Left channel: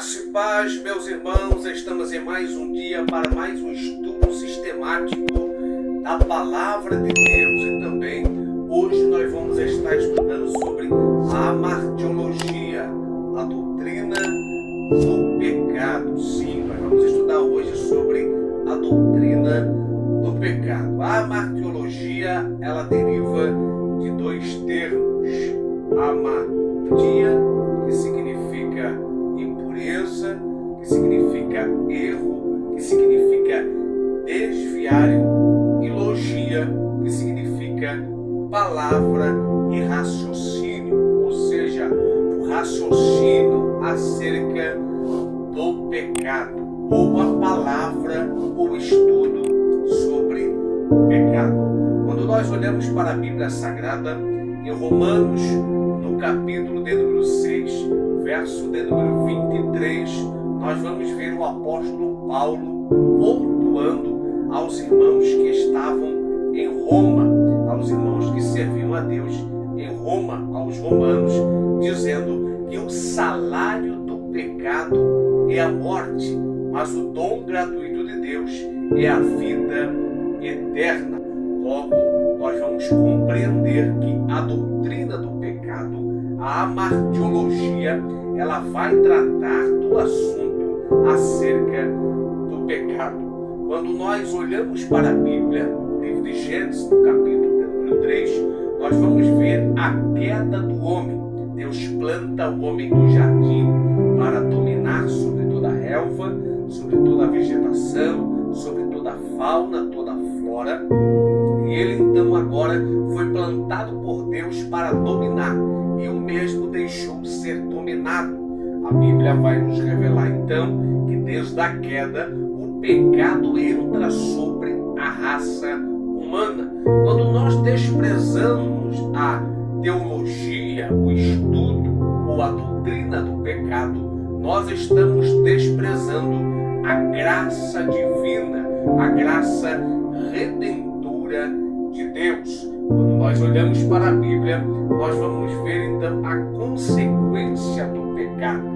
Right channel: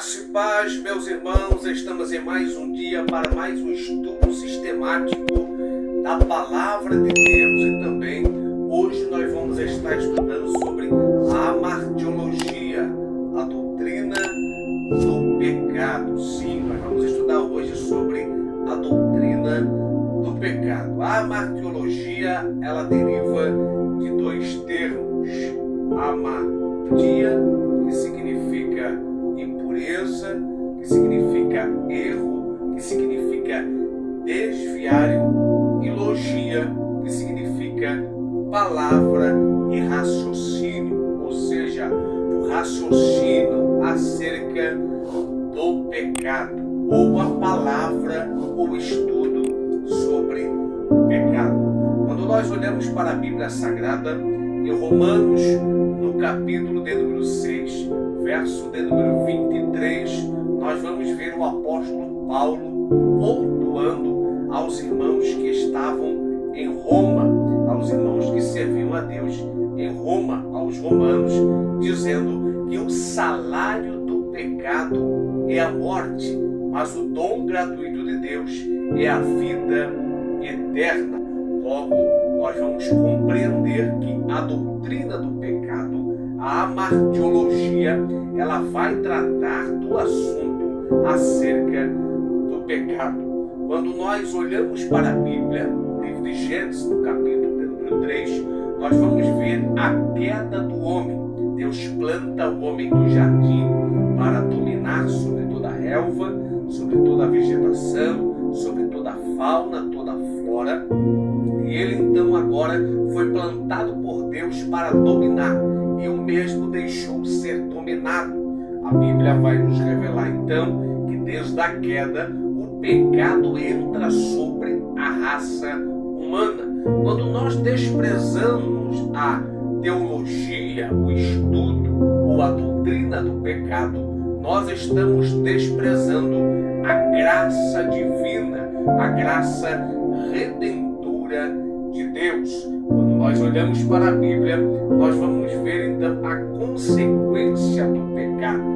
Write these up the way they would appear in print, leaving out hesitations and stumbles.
Graça e paz, meus irmãos, estamos em mais um dia para mais um estudo sistemático da Palavra de Deus. E também hoje nós vamos estar estudando sobre a amartiologia, a doutrina do pecado. Sim, nós vamos estudar hoje sobre a doutrina do pecado. A amartiologia, ela deriva de dois termos. Amartia, que significa impureza, que significa erro, que significa desviário, e logia, que significa palavra e raciocínio, ou seja, o raciocínio acerca do pecado, ou a palavra, ou estudo sobre o pecado. Quando nós olhamos para a Bíblia Sagrada, em Romanos, no capítulo de número 6, verso de número 23, nós vamos ver o apóstolo Paulo pontuando aos irmãos que estavam em Roma, aos irmãos que serviam a Deus em Roma, aos romanos, dizendo que o salário do pecado é a morte, mas o dom gratuito de Deus é a vida eterna. Logo, nós vamos compreender que a doutrina do pecado, a amartiologia, ela vai tratar do assunto acerca do pecado. Quando nós olhamos para a Bíblia, no livro de Gênesis, no capítulo número 3, nós vamos ver a queda do homem. Deus planta o homem no jardim para dominar sobre toda a relva, sobre toda a vegetação, sobre toda a fauna, toda a flora. E ele então agora foi plantado por Deus para dominar, e o mesmo deixou ser dominado. A Bíblia vai nos revelar então que desde a queda o pecado entra sobre a raça humana. Quando nós desprezamos a teologia, o estudo ou a doutrina do pecado, nós estamos desprezando a graça divina, a graça redentora de Deus. Quando nós olhamos para a Bíblia, nós vamos ver então a consequência do pecado.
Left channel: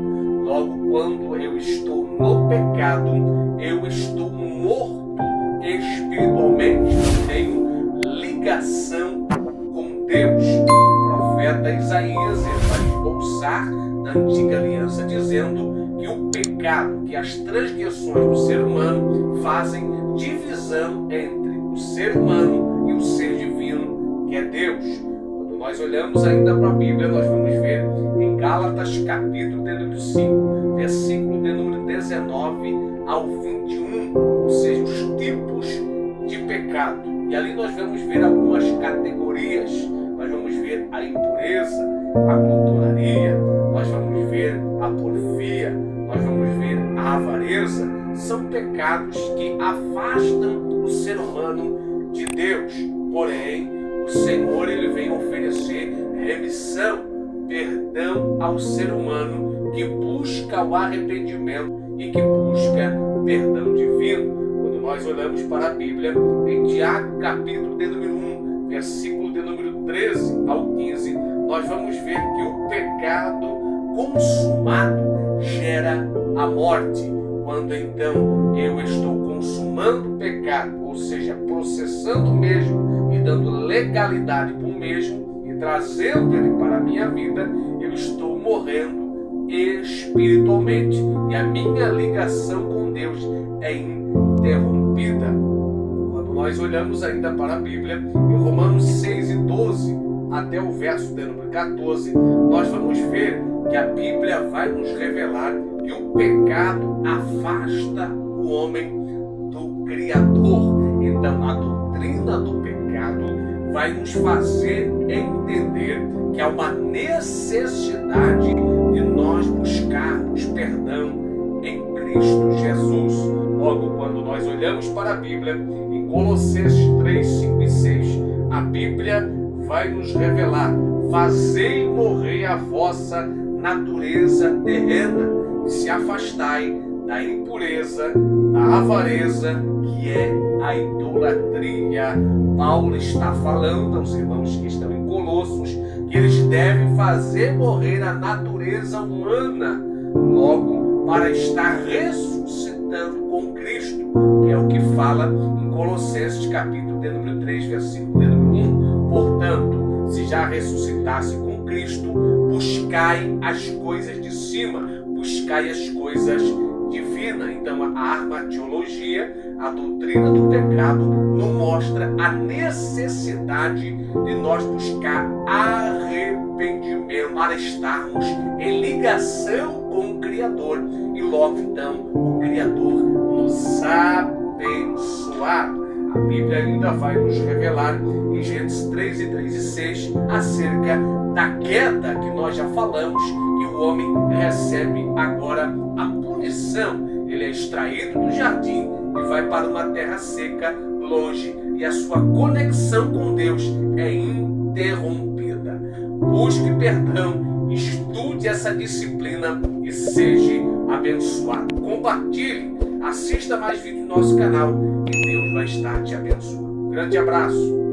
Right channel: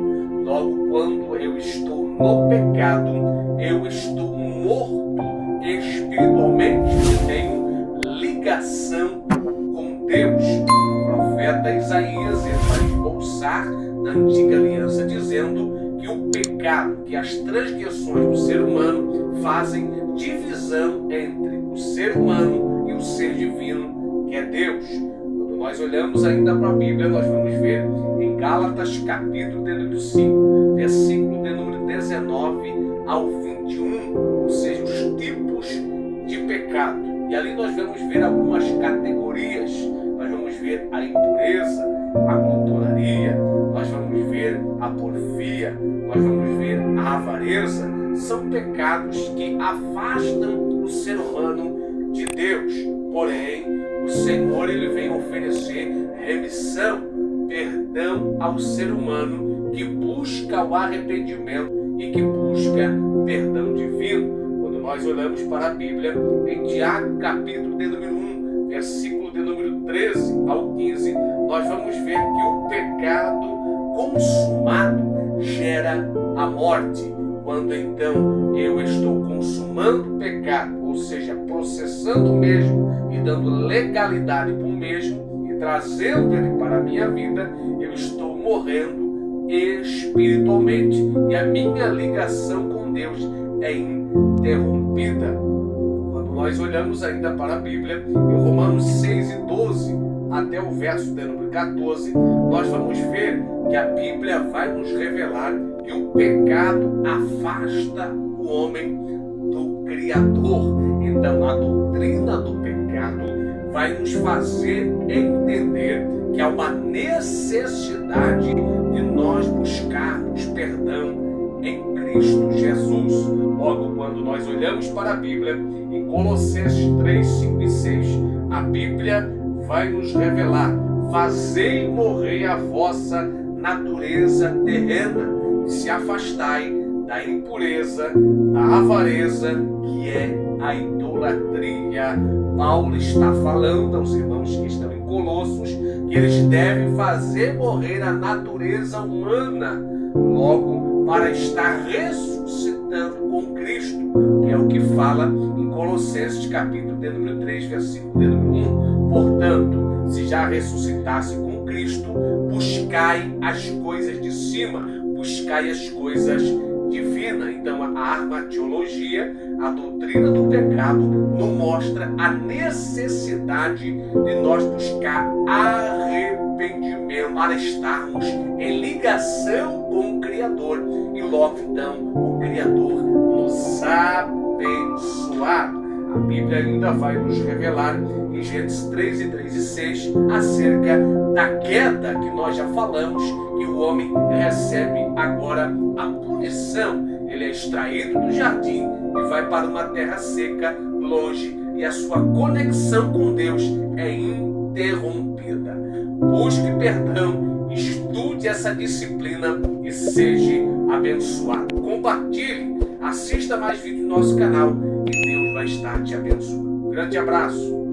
Logo, quando eu estou no pecado, eu estou morto espiritualmente, não tenho ligação com Deus. O profeta Isaías vai esboçar na antiga aliança dizendo que o pecado, que as transgressões do ser humano fazem divisão entre o ser humano e o ser divino, que é Deus. Quando nós olhamos ainda para a Bíblia, nós vamos ver em Gálatas capítulo de número 5, versículo de número 19 ao 21, ou seja, os tipos de pecado. E ali nós vamos ver algumas categorias. Nós vamos ver a impureza, a glutonaria, nós vamos ver a porfia, nós vamos ver a avareza. São pecados que afastam o ser humano de Deus. Porém, o Senhor ele vem oferecer remissão, perdão ao ser humano que busca o arrependimento e que busca perdão divino. Quando nós olhamos para a Bíblia, em Tiago capítulo de número 1, versículo de número 13 ao 15, nós vamos ver que o pecado consumado gera a morte. Quando então eu estou consumando o pecado, ou seja, processando o mesmo e dando legalidade para o mesmo e trazendo ele para a minha vida, eu estou morrendo espiritualmente e a minha ligação com Deus é interrompida. Quando nós olhamos ainda para a Bíblia, em Romanos 6 e 12 até o verso de número 14, nós vamos ver que a Bíblia vai nos revelar que o pecado afasta o homem do Criador. Então, a doutrina do pecado vai nos fazer entender que há uma necessidade de nós buscarmos perdão em Cristo Jesus. Logo, quando nós olhamos para a Bíblia, em Colossenses 3, 5 e 6, a Bíblia vai nos revelar: fazei morrer a vossa natureza terrena e se afastai da impureza, da avareza, que é a idolatria. Paulo está falando aos irmãos que estão em Colossos que eles devem fazer morrer a natureza humana. Logo, para estar ressuscitando com Cristo, que é o que fala em Colossenses capítulo de número 3, versículo de número 1. Portanto, se já ressuscitasse com Cristo, buscai as coisas de cima, buscai as coisas divinas. Então, a armatiologia, a doutrina do pecado, nos mostra a necessidade de nós buscar arrependimento para estarmos em ligação com o Criador e logo então o Criador nos abençoar. A Bíblia ainda vai nos revelar em Gênesis 3 e 3 e 6 acerca da queda que nós já falamos, que o homem recebe agora a punição. Ele é extraído do jardim e vai para uma terra seca, longe, e a sua conexão com Deus é interrompida. Busque perdão, estude essa disciplina e seja abençoado. Compartilhe, assista mais vídeos do nosso canal e Deus vai estar te abençoando. Grande abraço.